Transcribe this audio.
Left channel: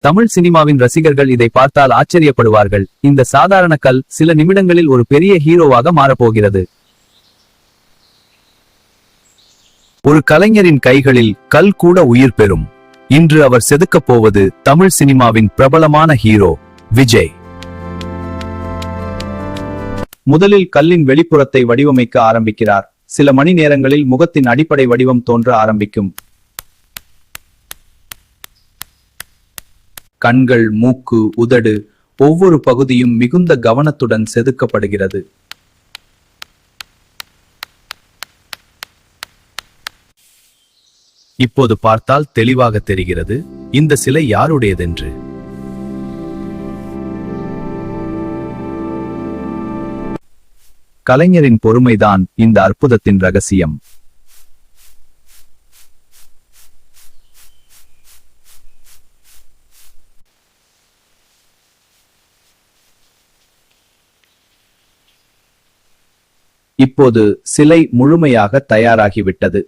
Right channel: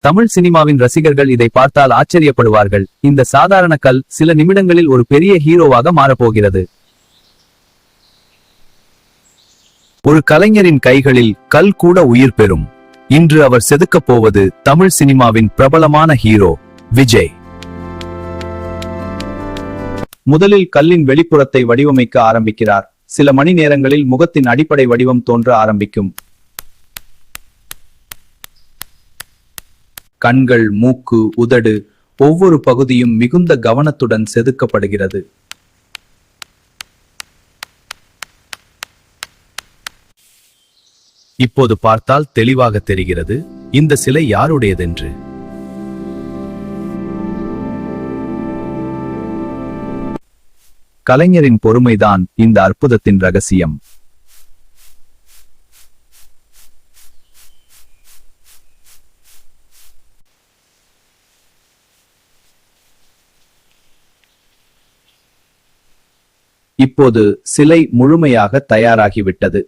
தமிழ் சினிமாவின் ரசிகர்கள் இதை பார்த்தால் ஆச்சரியப்படுவார்கள். இந்த சாதாரண கல் சில நிமிடங்களில் ஒரு பெரிய ஹீரோவாக மாறப்போகிறது. ஒரு கலைஞரின் கைகளில் கல் கூட உயிர் பெறும். இன்று அவர் செதுக்கப் போவது தமிழ் சினிமாவின் பிரபலமான ஹீரோ விஜய். முதலில் கல்லின் வெளிப்புறத்தை வடிவமைக்க ஆரம்பிக்கிறார். சில மணி நேரங்களில் முகத்தின் அடிப்படை வடிவம் தோன்ற ஆரம்பிக்கும். கண்கள், மூக்கு, உதடு, ஒவ்வொரு பகுதியும் மிகுந்த கவனத்துடன் செதுக்கப்படுகிறது. இப்போது பார்த்தால் தெளிவாக தெரிகிறது இந்த சிலை யாருடையதென்று. கலைஞரின் பொறுமைதான் இந்த அற்புதத்தின் ரகசியம். இப்போது சிலை முழுமையாக தயாராகிவிட்டது.